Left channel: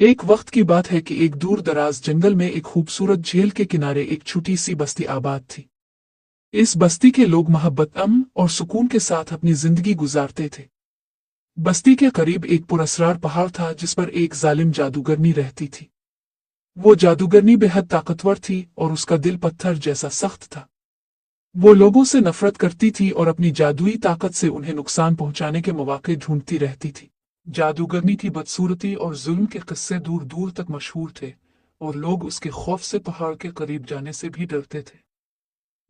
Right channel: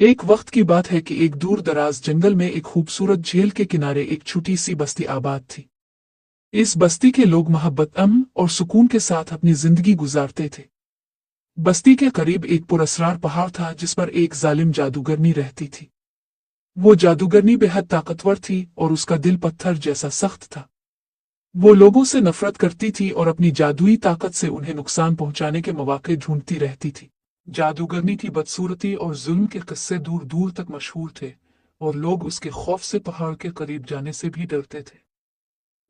एक वक्त की बात है कि एक दूर दराज जंगल में एक खूबसूरत झील के किनारे एक छोटी सी बस्ती आबाद थी। इस बस्ती के लोग मोहब्बत, अमन और सुकून के साथ अपनी जिंदगी गुजारते थे। बस्ती के करीब एक पुरस्रार पहाड़ था जिस पर एक जालिम जादूगरनी रहती थी। वो जादूगरनी बेहद ताकतवर थी और उसका दिल पत्थर जैसा सख्त था। वो लोगों से नफरत करती थी और अपनी जादुई ताकत से उन्हें नुकसान पहुंचाने के मौके ढूंढती रहती थी। जादूगरनी की बदसूरती और जुल्म के किस्से दूर दूर तक मशहूर थे और लोग उसके खौफ से पहाड़ के करीब जाने से भी डरते थे।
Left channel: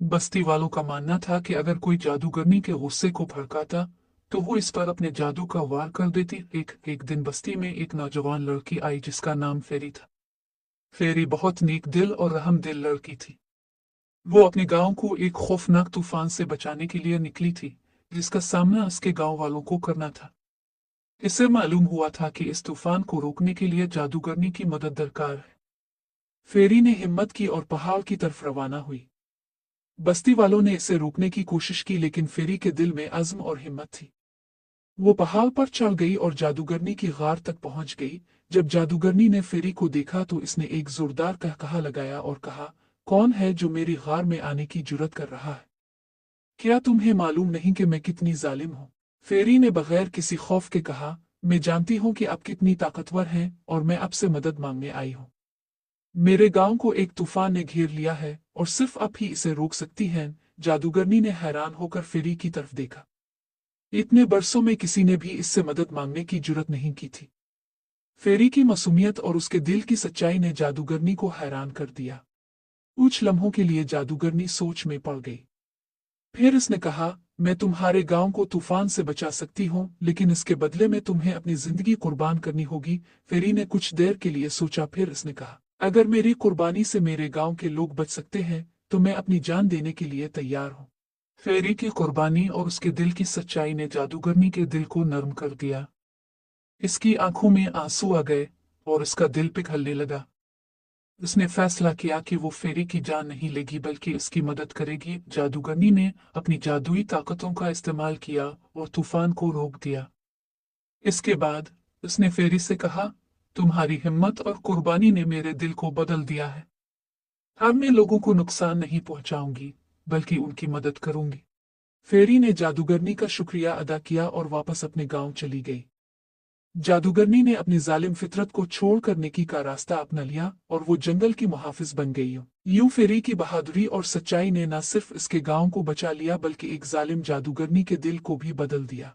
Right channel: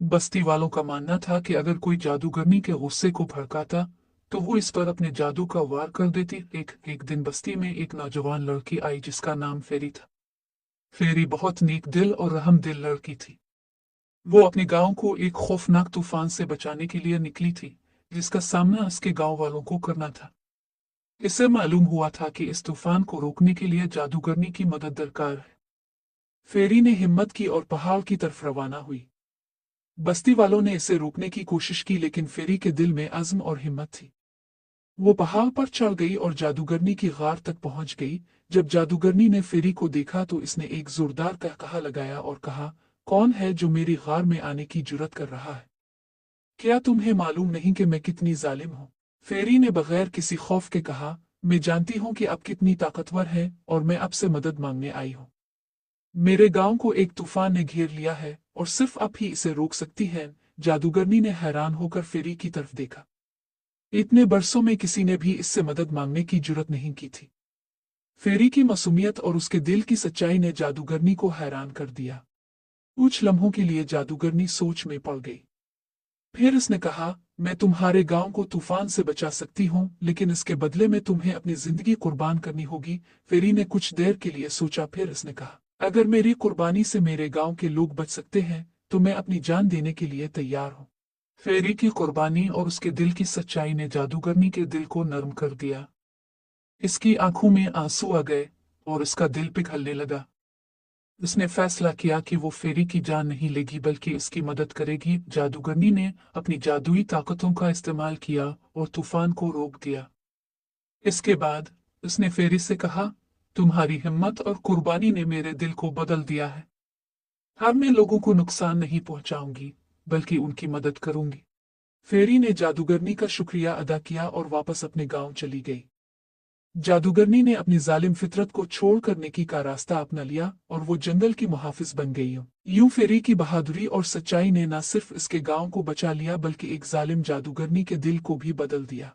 बस्ती वालों का मानना था कि अगर कोई जादूगरनी के गुस्से को भड़काता तो वो इस पर अपने जादू का वार कर देती। एक दिन बस्ती में एक नौजवान लड़की आई जिसका नाम फेरी था। फेरी बहुत नेक दिल और रहम दिल लड़की थी। वो अपने गांव को एक खौफनाक तूफान से बचाने के लिए निकली थी, जिसका सामना उसके गांव वालों को करना था। इसे मालूम हुआ था कि इस तूफान को रोकने के लिए जादूगरनी की मदद दरकार है। फेरी ने हिम्मत की और पहाड़ की तरफ रवाना हुई। बस्ती वालों ने इसे रोकने की कोशिश की लेकिन फेरी के दिल में अज़्म और हिम्मत थी। वो पहाड़ पर चढ़ गई और जादूगरनी की गार तक पहुंच गई। जब जादूगरनी ने फेरी को देखा तो इसने एक जोरदार कहकहा लगाया और कहा, कौन है जो मेरी गार में आने की जुर्रत कर रहा है? क्या तुम्हें मालूम नहीं कि मैं कितनी जालिम हूँ? फेरी ने बगैर किसी खौफ के कहा, मैं जानती हूँ कि आप कितनी ताकतवर हैं और मैं आपसे मदद मांगने आई हूँ। मेरे गांव को एक तूफान ने घेर लिया है और सिर्फ आप ही इसे रोक सकती हैं। जादूगरनी ने हैरान होकर फेरी की तरफ देखा। इतने बरसों में किसी ने भी इससे मदद मांगने की जुर्रत नहीं की थी। फेरी की मासूमियत और उसके दिल की सच्चाई ने जादूगरनी को हैरान कर दिया। कुछ लम्हों के लिए जादूगरनी सोच में पड़ गई। फिर उसने कहा, मैं तुम्हारे गांव को तूफान से बचा सकती हूँ, लेकिन इसके बदले में तुम्हें अपनी जिंदगी कुर्बान करनी होगी। फेरी ने कुछ देर के लिए सोचा, फिर उसने कहा, अगर मेरी कुर्बानी से मेरे गांव के लोग बच सकते हैं तो मैं अपनी जान देने के लिए तैयार हूँ। फेरी की कुर्बानी और उसके दिल की सच्चाई ने जादूगरनी के दिल को नरम कर दिया। इसकी आंखों में आंसू आ गए और इसका दिल पिघलने लगा। उसने फैसला किया कि वो फेरी की जान नहीं लेगी बल्कि इसकी मदद करेगी। जादूगरनी ने अपनी जादुई ताकतों का इस्तेमाल किया और तूफान को रोक दिया। इसके बाद उसने फेरी से कहा, तुम्हारी हिम्मत और कुर्बानी ने मेरे दिल को बदल दिया है। अब मैं लोगों को नुकसान नहीं पहुंचाऊंगी बल्कि उनकी मदद करूंगी। फेरी ने जादूगरनी का शुक्रिया अदा किया और वापस अपने गांव चली गई। जादूगरनी ने अपनी जालिम फितरत को छोड़कर नेकी का रास्ता अपना लिया और वो जंगल की मुहाफिज बन गई। यूं फेरी की बहादुरी और सच्चाई ने न सिर्फ इसके गांव को बचा लिया बल्कि एक जालिम जादूगरनी के दिल को भी बदल दिया।